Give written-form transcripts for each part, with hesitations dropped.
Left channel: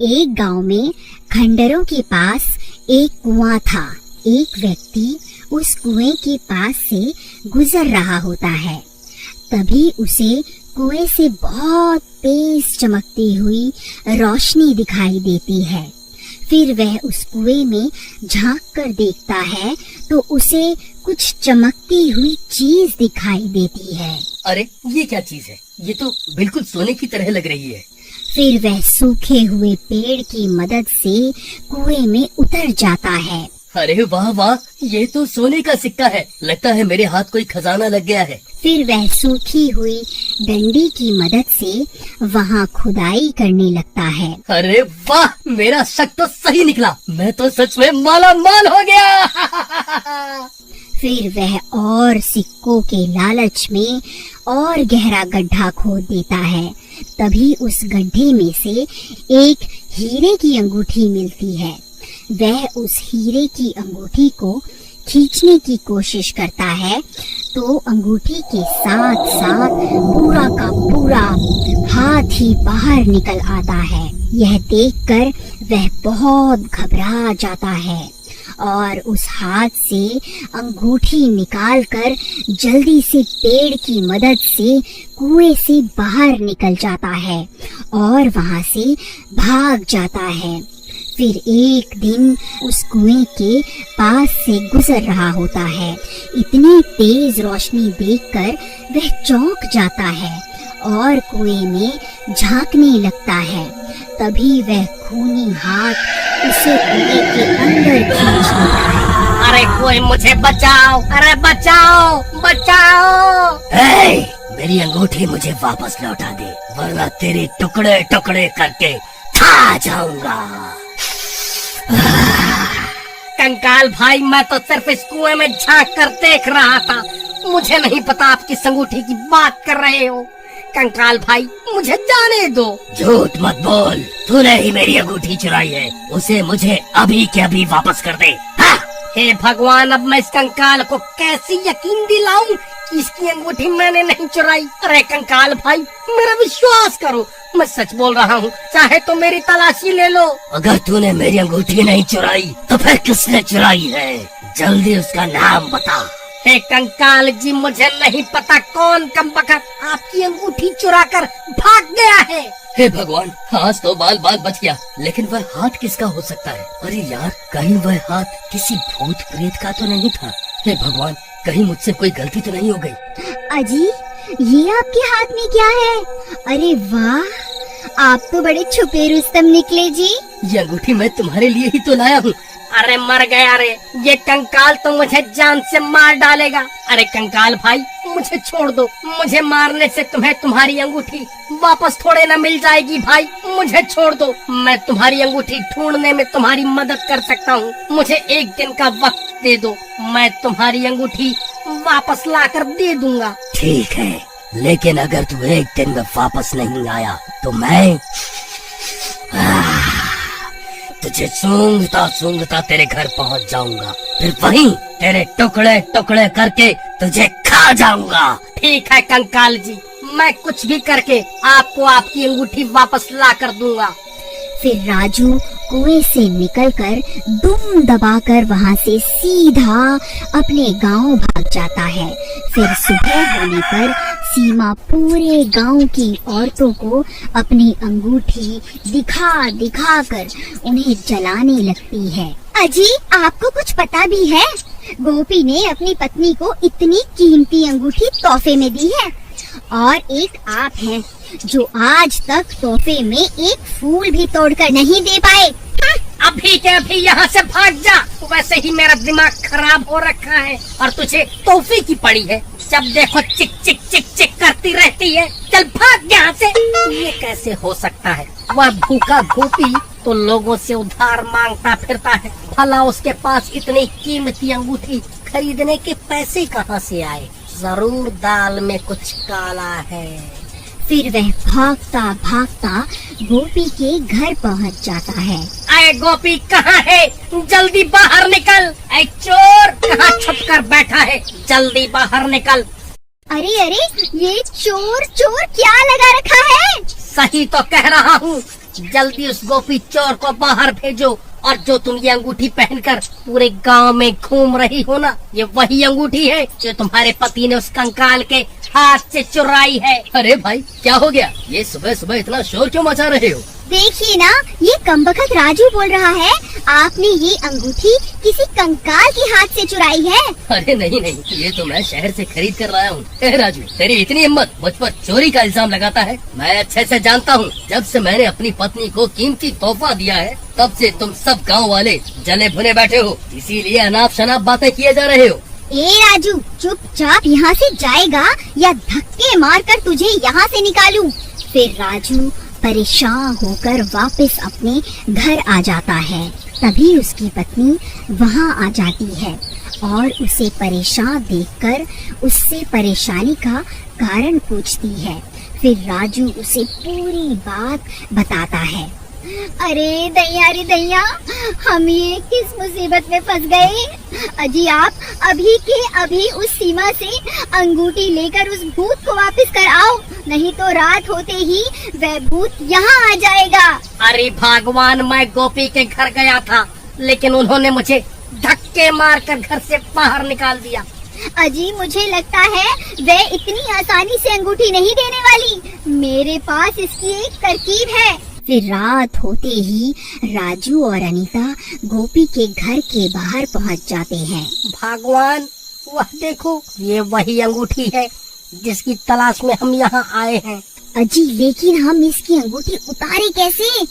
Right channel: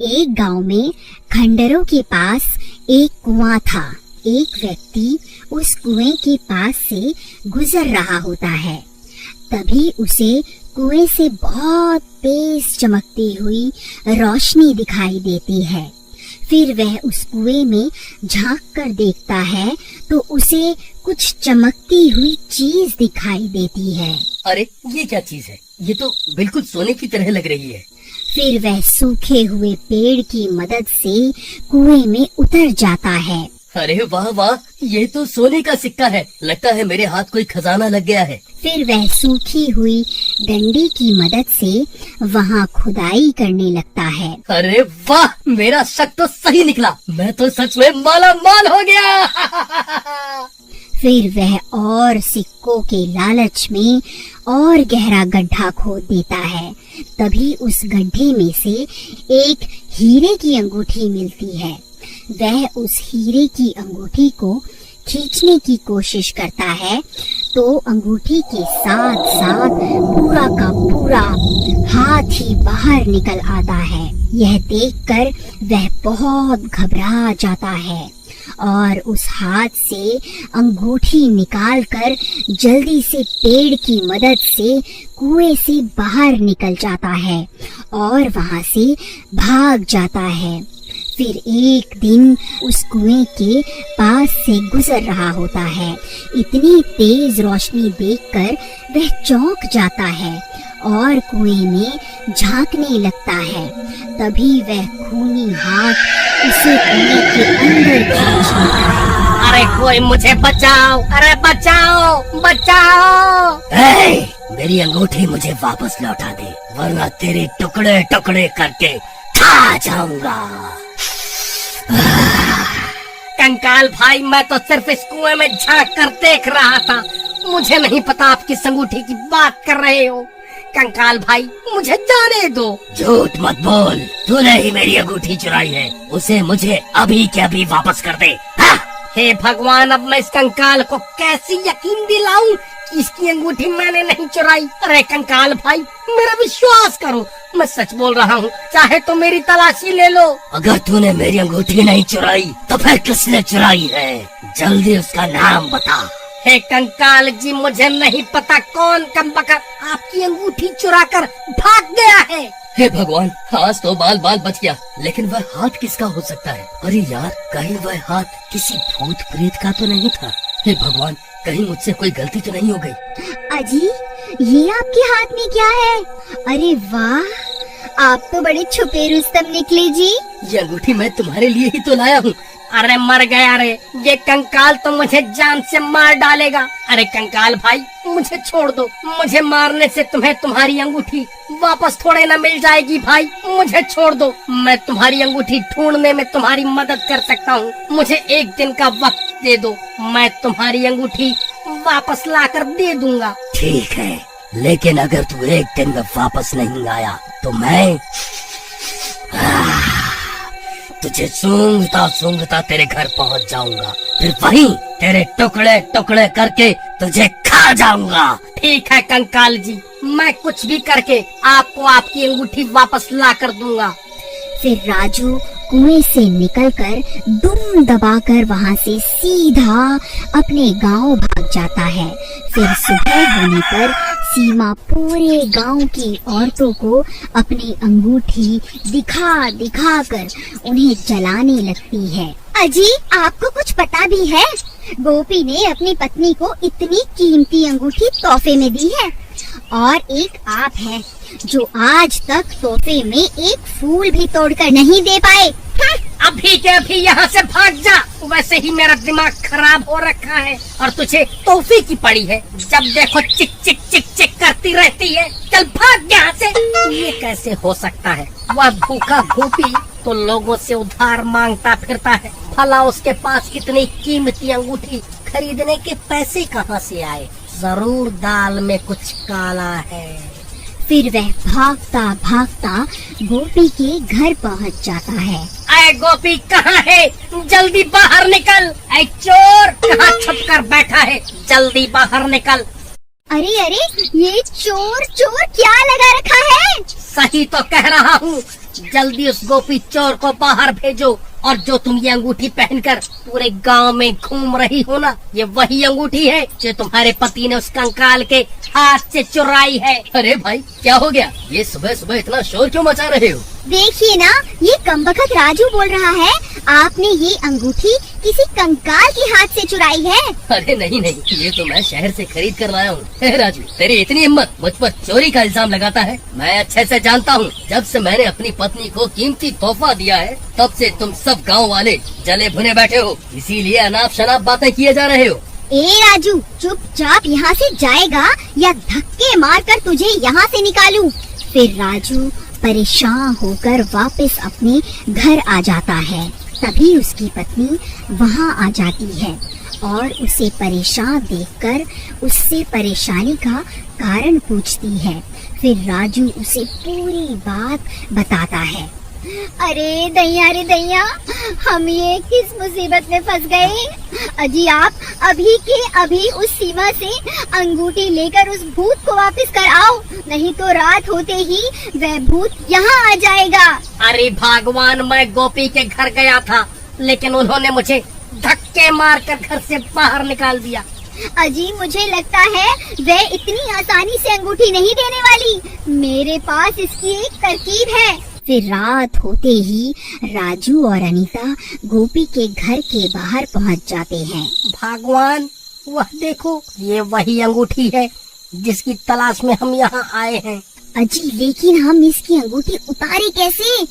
एक गांव में खंडरों के पास एक कुआं था। एक व्यक्ति उस कुएं के पास से गुजर रहा होता है। तभी उसे कुएं से बहुत तेज चमकती हुई रोशनी दिखाई देती है। फिर वह उस कुएं में झांक कर देखता है तो उसे कुछ चमकती हुई चीज दिखाई देती है। अरे ये क्या चीज है? ये तो बिल्कुल सोने की तरह लग रही है। फिर वह सूखे हुए पेड़ की मदद से कुएं में उतर जाता है। अरे वाह वाह, ये तो सोने का सिक्का है। लगता है मेरे हाथ कोई खजाना लग गया है। फिर वह सूखी हुई डंडे की मदद से वहाँ खुदाई करने लगता है। अरे वाह, मेरा शक तो सही निकला। मैं तो सच में माला माल हो गया। फिर वह और सिक्कों के लालच में और गहरा गड्ढा खोद देता है। तभी उस गड्ढे में से एक हीरे की अंगूठी मिलती है। वह उस हीरे की अंगूठी को खींचने की कोशिश करता है तो अंगूठी के साथ साथ पूरा का पूरा हाथ ही बाहर निकल आता है। यह देखकर वह बहुत घबरा जाता है और उस हाथ से अंगूठी निकालकर जल्दी से पेड़ की मदद से कुएं से बाहर निकल जाता है और वहां से भाग जाता है। फिर एक दिन उस कुएं के पास से गुजर रहा होता है। इतनी तेज रोशनी देखकर वह चौंक जाता है और कुएं में झांकने लगता है। तभी वह खूनी हाथ उसे कुएं के अंदर खींच लेता है। अरे कोई मुझे बचाओ! अरे बचाओ बचाओ! मेरी अंगूठी मुझे वापस लौटा दे, वरना तेरे टुकड़े टुकड़े करके खा जाऊंगा। कंकाल भाई, मैं तो सिर्फ इस कुएं में झांक कर देख रहा था। मुझे नहीं पता आप किस अंगूठी की बात कर रहे हो। कंकाल भाई, मुझे जाने दो। झूठ मत बोल, तूने ही मेरी अंगूठी चुराई है। उसे मुझे अभी के अभी वापस कर दे। हे भगवान, अब मैं इस कंकाल को कैसे यकीन दिलाऊं कि इसकी अंगूठी मैंने नहीं चुराई। अरे कंकाल भाई, मेरा विश्वास करो, मैं सच बोल रहा हूँ। चाहे तो मेरी तलाशी ले लो। अगर तूने मेरी अंगूठी नहीं चुराई तो फिर किसने चुराई है? जल्दी उसका नाम बता। हे कंकाल जी, मुझे नहीं पता कौन कमबख्त आपकी अंगूठी चुरा कर भाग गया है। हे भगवान, आज तो बाल बाल बच गया। लेकिन वह हाथ किसका हो सकता है? अरे यार, कहीं वह हाथ किसी भूत प्रेत का तो नहीं था? हे भगवान, कहीं मुझसे कोई गलती तो नहीं हो गई? अजी, ये आपके हाथ में क्या है? अरे वाह, आप तो बड़े छुपे रुस्तम निकले जी। ये अंगूठी मैं तुम्हारे लिए ही तो लाया हूँ। अरे मर गया रे, ये कंकाल तो मुझे जान से मार डालेगा। अरे कंकाल भाई, मुझे छोड़ दो। मुझे मारने से तुम्हें तुम्हारी अंगूठी वापस थोड़े ना मिल जाएगी। भाई मुझे छोड़ दो, मैं तुम्हारी अंगूठी ढूंढने में तुम्हारी मदद कर सकता हूँ। मुझे एक दिन का वक्त दे दो, मैं तुम्हारी अंगूठी वापस लाकर दे दूंगा। ठीक है, लेकिन अगर तू एक दिन में वापस नहीं लाया तो मैं तुझे सूंघता सूंघता तेरे घर पहुंच जाऊंगा। फिर वहीं तेरे टुकड़े टुकड़े करके तुझे खा जाऊंगा। ठीक है कंकाल जी, मैं कुछ भी करके आपको आपकी अंगूठी वापस ला कर दूंगा। फिर राजू कुएं से निकलकर दुम दबाकर वहां से सीधा अपने गांव भाग जाता है। फिर सुबह होने पर सीमा पूरे गांव की औरतों को अपनी अंगूठी दिखा दिखा कर उन्हें जलाने लगती है। अजी, आपको कुछ पता भी है? गोपी ने अपनी पत्नी को इतनी कीमती अंगूठी तोहफे में दी है और एक आप हैं जो आज तक तोहफे में एक फूल भी तोड़कर नहीं दे पाए। अभी के अभी यहाँ से भाग जा। वैसे ही मेरा दिमाग खराब हो रखा है और तुझे तोहफे की पड़ी है। जब देखो चिक चिक चिक चिक करती रहती है। चल भाग यहाँ से। ये कैसे हो सकता है? वह भूखा गोपी तो लोगों से उधार मांगता फिरता है, भला उसके पास इतनी कीमती अंगूठी खरीदने के पैसे कहाँ से आए? जरूर दाल में कुछ काला है। फिर वह भागता भागता गोपी के घर पहुंच जाता है। अरे गोपी कहाँ है? जल्दी बाहर निकल। ऐ चोर, कहाँ छुप कर बैठा है? जल्दी बाहर निकल। अरे अरे, ये चोर चोर क्या लगा रखा है? सही तो कह रहा हूँ, जल्दी उस गोपी चोर को बाहर भेजो, और जो तुम ये अंगूठी पहनकर पूरे गांव में घूम रही हो ना, ये वही अंगूठी है जो तुम्हारे पति ने उस कंकाल के हाथ से चुराई है। अरे भाई क्या हो गया, ये सुबह सुबह इतना शोर क्यों मचा रहे हो? देखिए ना, ये कमबख्त राजू बोल रहा है आपने ये अंगूठी किसी कंकाल के हाथ से चुराई है। अरे नहीं नहीं, ये तो मैं शहर से खरीद कर लाया हूँ। राजू, तेरी इतनी हिम्मत, मुझ पर चोरी का इल्जाम लगाता है? मैं अच्छे से जानता हूँ, जब से मैंने अपनी पत्नी को कीमती तोहफा दिया है तब से तुम सब गाँव वाले जले भुने बैठे हो, इसीलिए अनाप शनाप बातें किए जा रहे हो। ए राजू, चुपचाप यहाँ से जाएगा या धक्के मारकर तुझे यहाँ से निकालूं? फिर राजू परेशान होकर वापस अपने घर आ जाता है। तभी उसकी पत्नी वहाँ आ जाती है और उसे परेशान देखकर उससे परेशानी का कारण पूछती है। फिर राजू उसे पूरी बात बताता है। अरे दैया रे दैया, हम ये किस मुसीबत में फंस गए। अजी आप अभी के अभी उस सीमा से अंगूठी लेकर उस भूत को वापस कर आओ, नहीं तो रात होते ही वह भूत यहाँ आ जाएगा। अरे भगवान, मैं गोपी के घर गया था, लेकिन उन्होंने मुझे धक्के मारकर घर से बाहर निकाल दिया। अजी मुझे लगता है वह इतनी आसानी से अंगूठी नहीं देने वाली, मेरे पास इसकी एक तरकीब है। फिर रात होते ही राजू और अनीता गोपी के घर के बाहर पहुंच जाते हैं। भगवान, वह देखो, ये वही अंगूठी है जिसकी तलाश में हम यहाँ आए हैं। अजी लेकिन हम इसकी अंगूठी उतारे कैसे?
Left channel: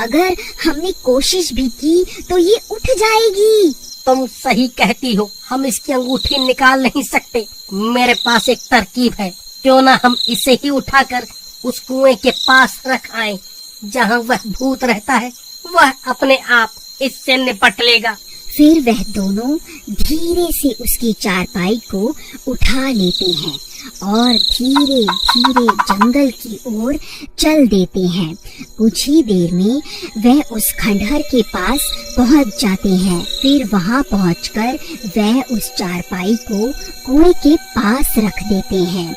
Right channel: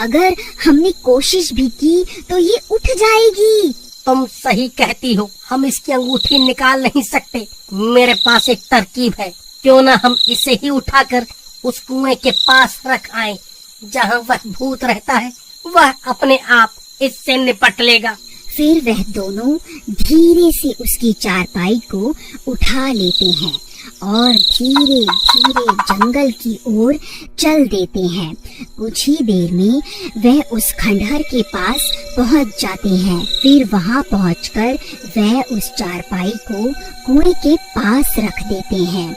अगर हमने कोशिश भी की तो ये उठ जाएगी। तुम सही कहती हो, हम इसकी अंगूठी निकाल नहीं सकते। मेरे पास एक तरकीब है, क्यों ना हम इसे ही उठाकर उस कुएं के पास रख आएं, जहाँ वह भूत रहता है, वह अपने आप इससे निपट लेगा। फिर वह दोनों धीरे से उसकी चारपाई को उठा लेते हैं और धीरे धीरे जंगल की ओर चल देते हैं। कुछ ही देर में वह उस खंडहर के पास पहुंच जाते हैं। फिर वहां पहुंचकर वह उस चारपाई को कुएं के पास रख देते हैं।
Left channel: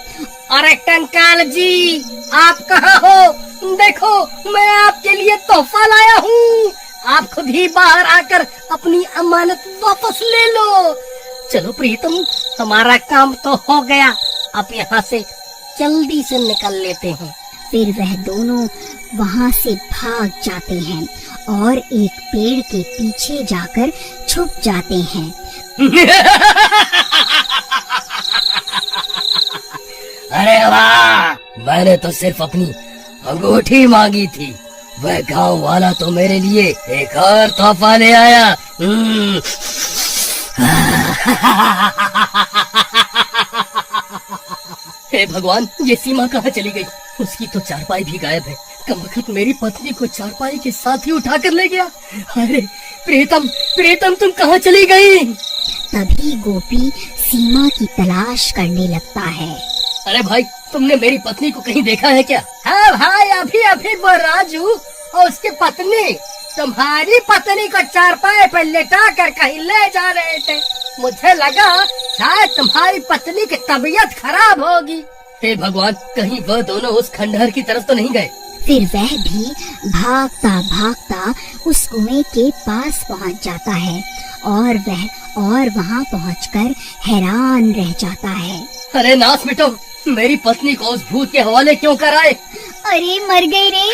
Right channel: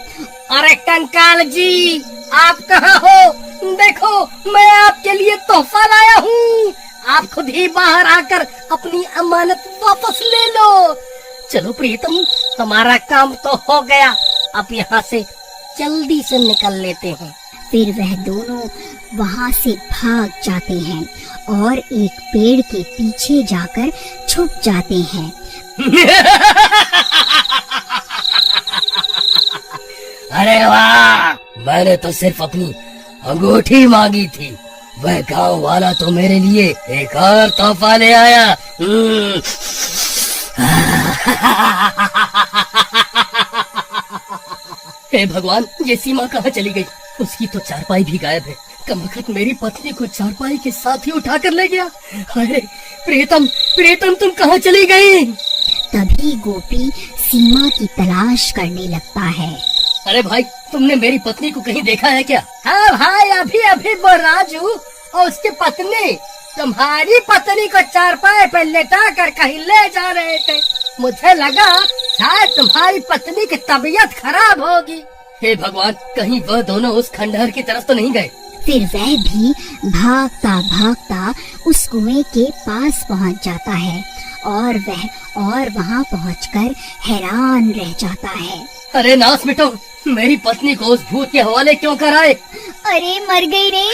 अरे कंकाल जी, आप कहाँ हो? देखो, मैं आपके लिए तोहफा लाया हूँ। आप खुद ही बाहर आकर अपनी अमानत वापस ले लो। चलो प्रीतम, हमारा काम तो हो गया, अब यहाँ से जल्दी से निकल लेते हैं। फिर वह दोनों वहाँ से भाग जाते हैं और एक पेड़ के पीछे जाकर छुप जाते हैं। अरे वाह, मैंने तो सिर्फ अपनी अंगूठी मांगी थी, वह गांव वाला तो मेरे लिए एक और तोहफा ले आया। हे भगवान, ये सीमा कहाँ चली गई? उसकी तो चारपाई भी गायब है। कमबख्त मेरी पत्नी को चारपाई के साथ ही उठा कर ले गया। अरे प्रीतम, प्रीतम तुम कहाँ चली गई? तभी गोपी सीमा की तलाश करने लगता है। अरे भाई, तुमने मेरी पत्नी को कहीं देखा है क्या? हाँ भाई, अभी अभी वो राजू और उसकी पत्नी तुम्हारी पत्नी को चारपाई पर लेटा कर कहीं ले जा रहे थे। मुझे लगा शायद तुम्हारी पत्नी की तबीयत खराब होगी। हे भगवान, कहीं वह दोनों उस खंडहर की तरफ तो नहीं गए? फिर वह भी भागता भागता उस कुएं के पास पहुंच जाता है और वहां पहुंचकर हैरान रह जाता है। अरे नास मिटो, मेरी पत्नी को उस भूत के हवाले क्यों कराए? अरे मर गई रे,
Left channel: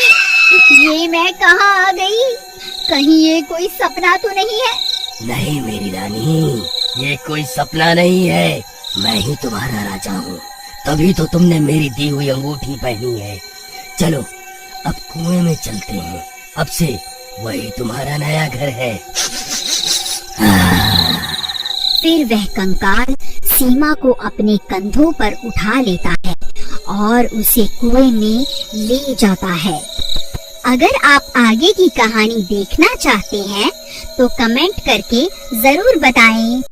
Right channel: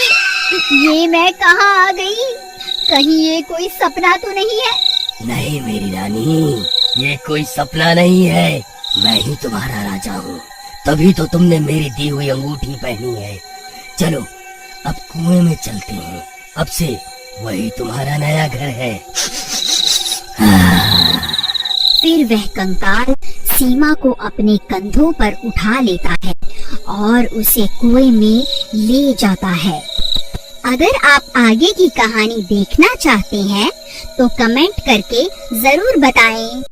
ये मैं कहाँ आ गई? कहीं ये कोई सपना तो नहीं है? नहीं मेरी रानी, ये कोई सपना नहीं है, मैं ही तुम्हारा राजा हूँ। तभी तो तुमने मेरी दी हुई अंगूठी पहनी है। चलो अब कुएं में चलते हैं, अब से वही तुम्हारा नया घर है। फिर वह कंकाल सीमा को अपने कंधों पर उठा लेता है और उसे कुएं में ले जाता है। अगर आप आगे की कहानी देखना चाहते हैं तो कमेंट करके जरूर बताएं।